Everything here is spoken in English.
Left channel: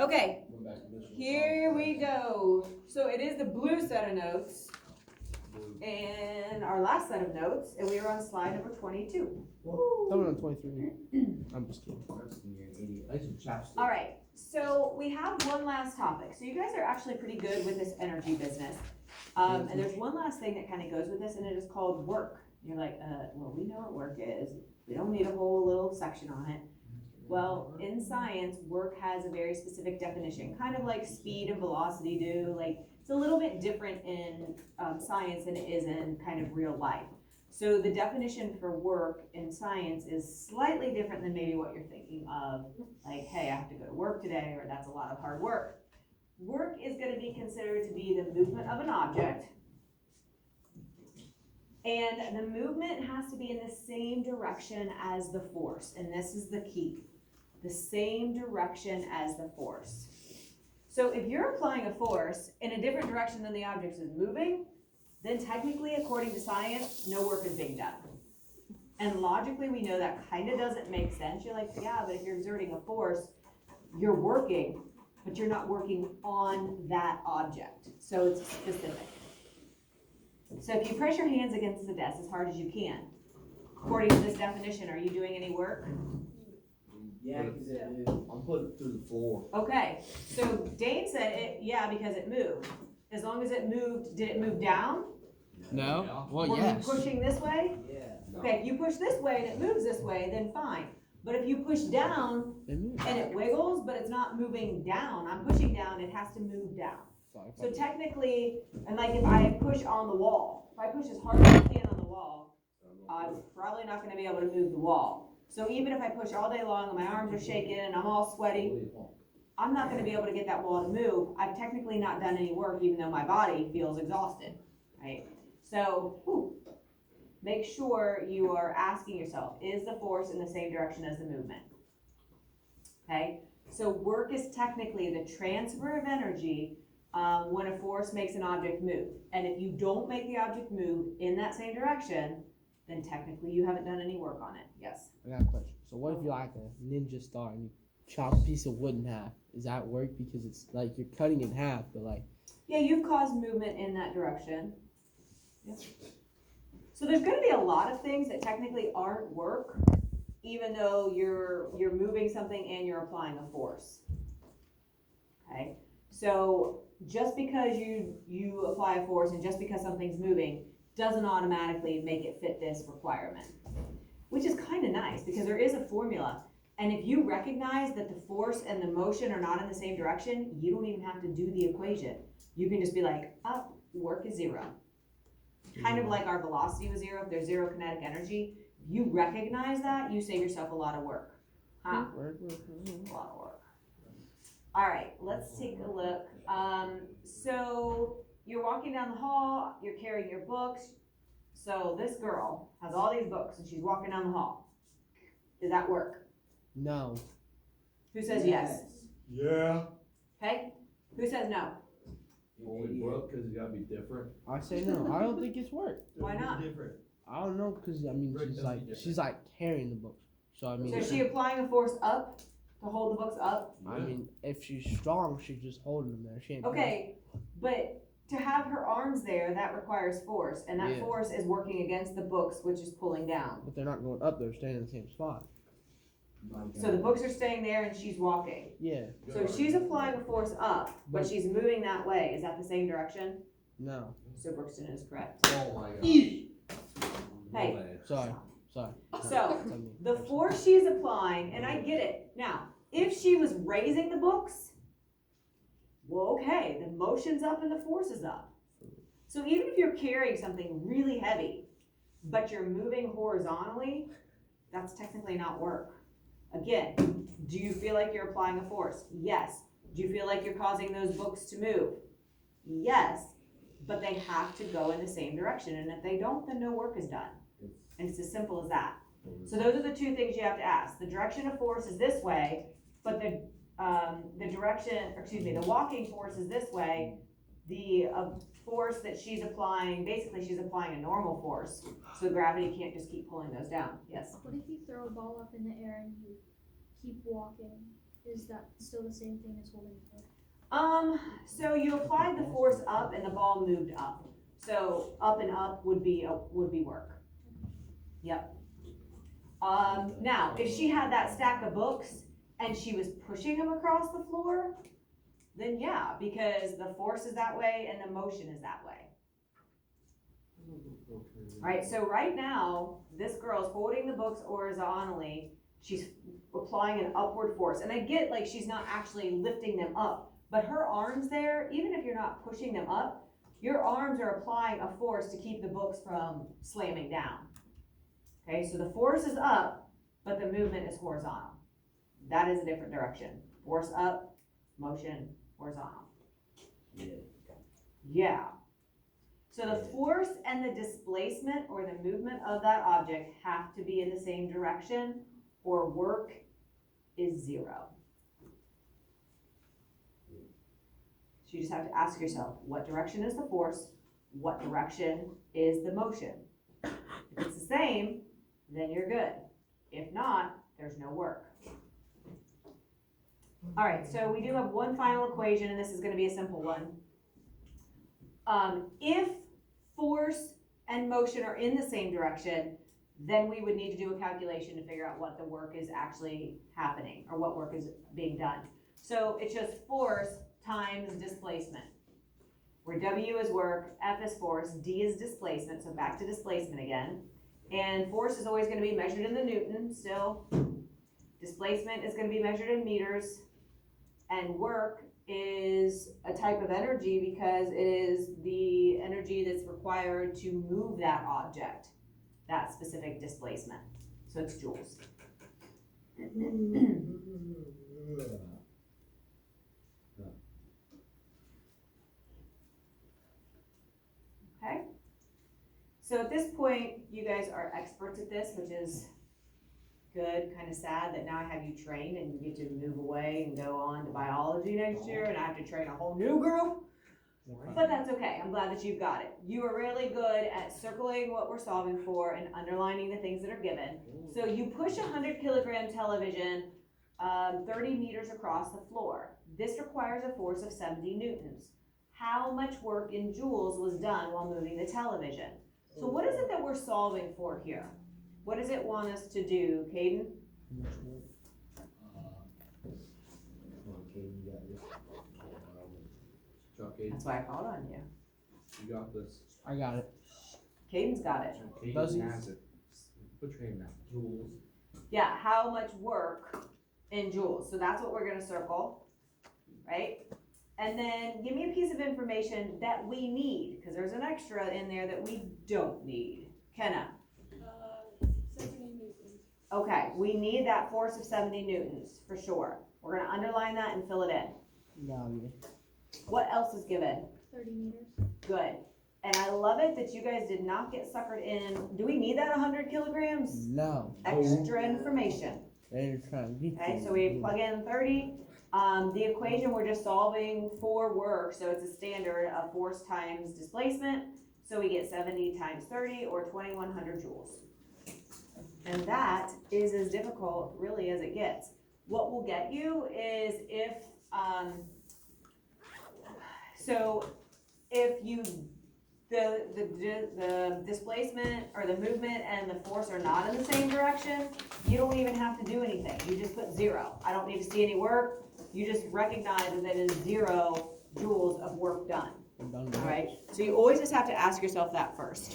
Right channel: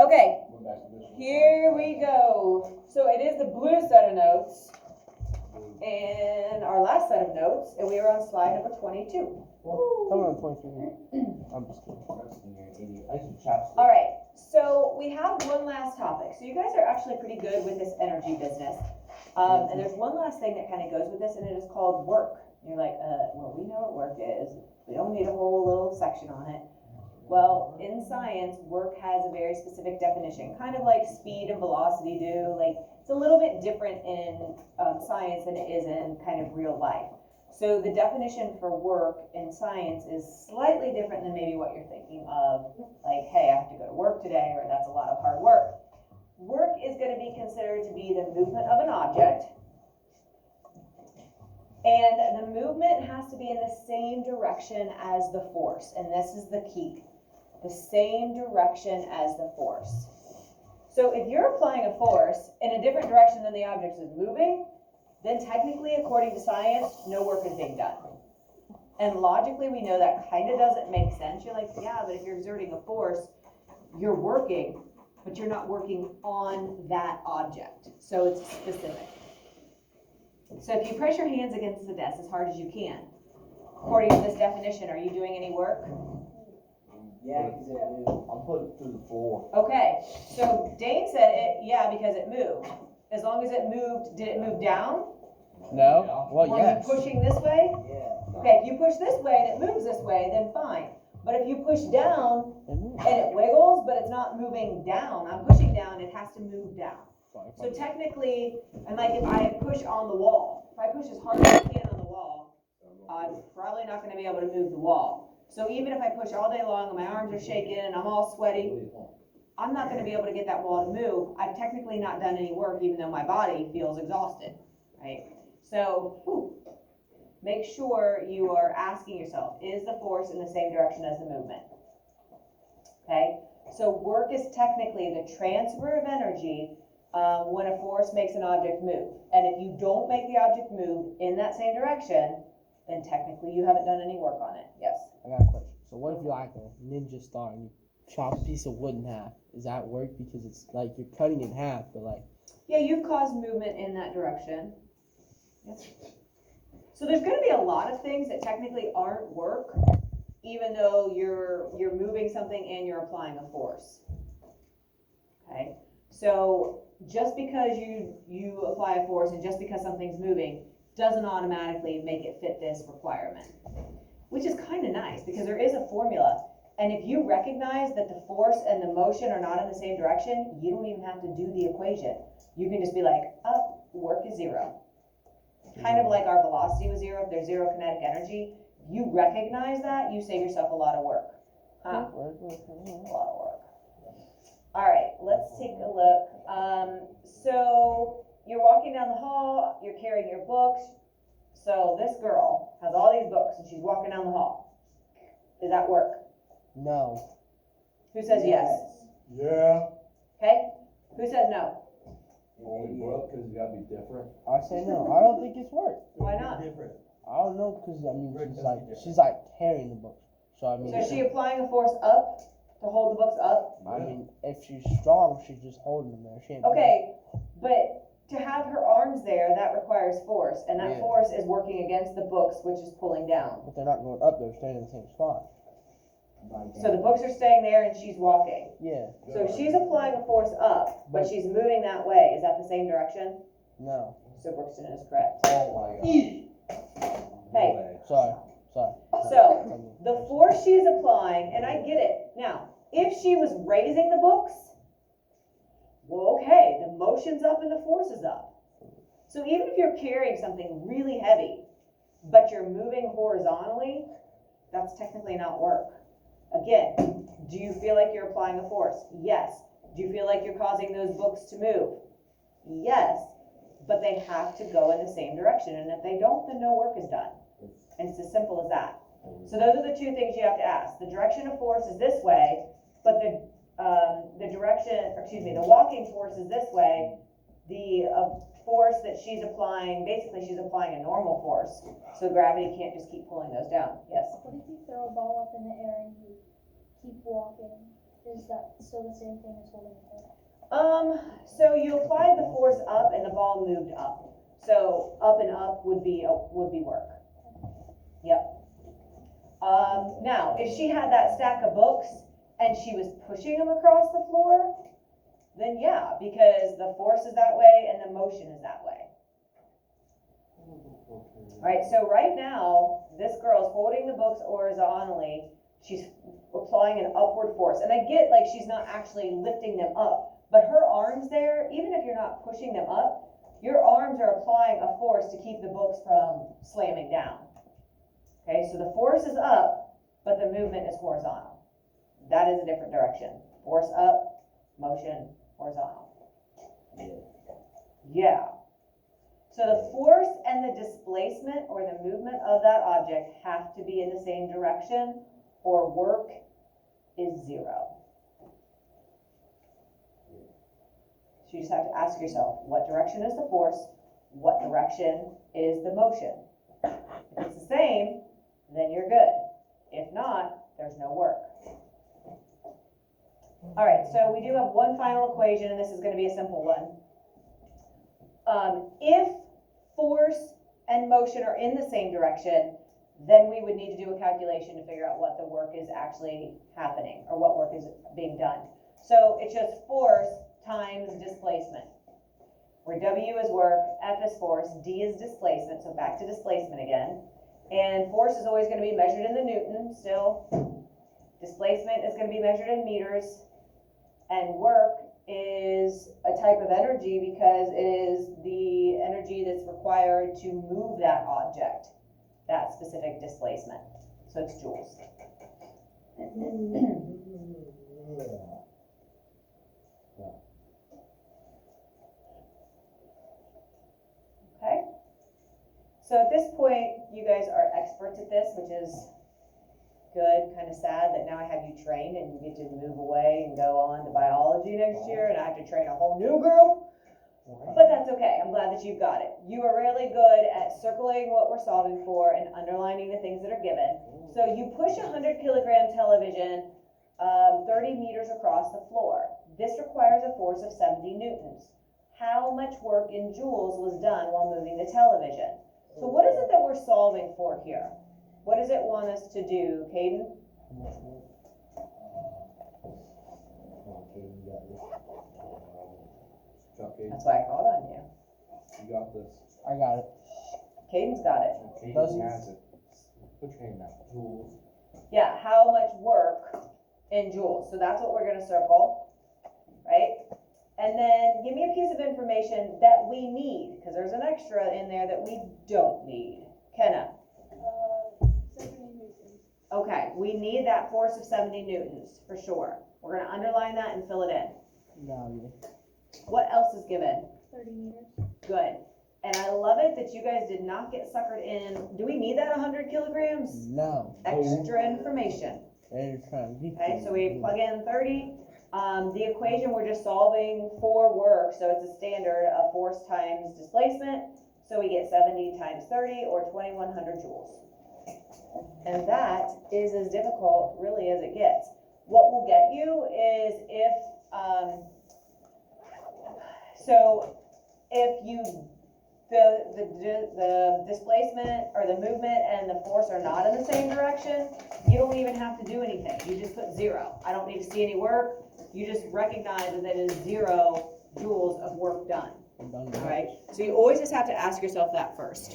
Okay, We're back to this one. here we go. So it is the blue set of notes and our last set of notes, and we are on slide number 22. I'm on 23. I'm just kidding. You're an idiot. I should chapstick. All right, so we have one last topic. So you guys are actually pretty good with this energy business. And there's one last thing that kind of goes with this, and it is called work. And you're like, well, we know what work is. We don't need a whole little section on it. Well, in science, work has a very specific definition, kind of like speed and velocity do. Like, it's a little bit different in science than it is in kind of real life. So the definition for work in science is slightly different than maybe what you're thinking of, like, hey, I have to go to work today, or that's a lot of hard work. Work is going to be considered to be the movement of an object, and the movement has to be in the same direction as the force, and this is the key. The same direction as the force. So if you're applying a force in a different direction than the object is moving, then technically, according to science, no work is being done. And logically, we know that kind of doesn't make sense. You're like, yeah, but if you're exerting a force, you're working, but you're not working on that object. So it's specific. So if you press your hands against the desk as hard as you can, according to this definition, are you doing any work? Yeah, because I'm putting it through the floor. Okay, so Dane said it, yeah, because it moved. As long as it moved, did it move down? No? Well, yes. Were you pushing this way? Yeah. Okay, if you push this way and it moves this way, then fine. But if you push down It moves. and it wiggles, but it's not moving down, I'm pushing down, it has to move down. So technically, and like if I push on the wall, if I push as hard as I can on the wall, I'm probably not gonna be able to move the wall. So even if I push all day long and my arms are shaking and I'm all sweaty, I'm not gonna be able to get that wall to move. I've technically not done any work even though my body feels exhausted, right? So, make sure you are asking yourself, is the force in the same direction as the movement? Okay, so work is technically the transfer of energy when a force makes an object move. And if you don't make the object move in that same direction, then technically you haven't done any work on it. Yes? I got a question. So what if you're like a ninja star and you chop a piece of wood in half? Is that work? Because it's like you're cutting it in half, but like... Yeah, you've caused movement in that direction. Yes. So there's gonna be a lot of things that technically aren't work, even though you're moving something and you're applying a force. Okay? So just because you apply a force and just because something's moving doesn't automatically make it fit this requirement, which is kind of nice because there is a formula. And if you recognize that the force and the motion are not in the same direction, you don't even have to do the equation. You can just be like, oh, work is zero. Kind of like our velocity was zero, if there's zero kinetic energy. You recognize that, you save yourself a lot of work. Huh? A lot of work. All right, let's take a look. So you're walking down the hall, you're carrying your books. So this girl has all these books and she's walking down the hall. Is that work? No. Who says yes? Yeah. Okay, who says no? Only work because it's got to be different. I say no. I don't think it's work. Why not? Different. I don't know, because I mean, Work doesn't be she's like carrying the books. So I mean... So is she applying a force up to hold the books up? I mean, if she's strong, she's just holding them there. She ain't... Okay, but to have her arms there, that requires force, and that Yeah. force is working against the books, which is pulling down. But they're not going up, they're staying in the same spot. So the books are staying there and she's walking. Yeah. So she's applying a force up, but she's moving that way. Is that the same direction? No. So Brookston is correct. Oh my god. Hey. Sorry. So the force she's applying, and I get it. Now, if she was raising the books, well, okay, the motion's up and the force is up. So even if you're carrying something really heavy, but you're moving horizontally, that's technically not work. Again, do you feel like you're applying a force? Yes. Do you feel like you're causing those books to move? Yes. But they have to go in the same direction, and if they don't, then no work is done. And it's as simple as that. So those are the two things you have to ask. The direction of force is this way, but the walking force is this way. The force that she's applying, basically she's applying a normal force, so gravity can't just keep pulling those down. Yes? What if you throw a ball up in the air and you keep walking? is that still the same thing as holding it? So you applied the force up and the ball moved up. So up and up would be work. Yep. Now, if she had that stack of books and she was pushing them across the floor, then yeah, because the force is that way and the motion is that way. Right, so right now, this girl's holding the books horizontally, she's applying an upward force, and I get like she's not actually lifting them up, but her arms there, even if you're not pushing them up, your arms are applying a force to keep the books from slamming down. Okay, so the force is up, but the movement is horizontal. That is a different direction. Force up, motion, horizontal. Yeah. So the force and the displacement or the movement of that object have to be in the same direction, or work is zero. So you just have to ask yourself, what direction is the force? What direction is the motion? If it's the same, then you're good. If not, there's no work. All right, so we do have one final equation, and this is going to be a simple one. If force and motion are in the same direction, then we would need to do a calculation to figure out what the work is actually happening, or what work is being done. So it's just force times displacement, where W is work, F is force, D is displacement, so back to displacement again. And force is always going to be measured in the Newton still. Displacement is going to be measured in meters. And work is a type of energy because it is the energy that's required to move that object, that specific displacement. So it's joules. Okay. So at this point, you guys are experts at this, which is good, kind of sad that now I have you trained and you get to move away and go on to biology next year, and I have to train a whole new group. But that's okay, I'm glad that you've got it. You are really good at circling what we're solving for and underlining the things that are given. So you push a 100 kilogram television 30 meters across the floor. This requires a force of 70 newtons. How much work in joules was done while moving the television? So what is it that we're solving for here? What does it want us to do, Caden? That's why I called on you. You got this. I got it. Caden's got it. Does he? Caden has it. Put your name that. Joules. Yeah, how much work in joules? So that's what we're gonna circle, right? And then give me a piece of information that we need, because there's an extra in there that we don't need. Kenna? 70 newtons. Okay, we need that force of 70 newtons, for sure. We're gonna underline that and fill it in. Value. What else is given? 30 meters. Good. And I love it that you guys did not get suckered in. Do we need that 100 kilograms? No. Extra information. They're trying to be. Okay, so we plug in 30. The equation we're just solving for work, so it's a standard of force times displacement. So we get 70 times 30, or 2100 joules. And that is as difficult really as it gets. What will get you is if the displacement or the movement and the force are not in the same direction, you don't even have to do anything. You just put 0. I don't need to see any work. You just recognize that it is 0 joules of work done, I'm done. right? So you always just have to ask yourself that first.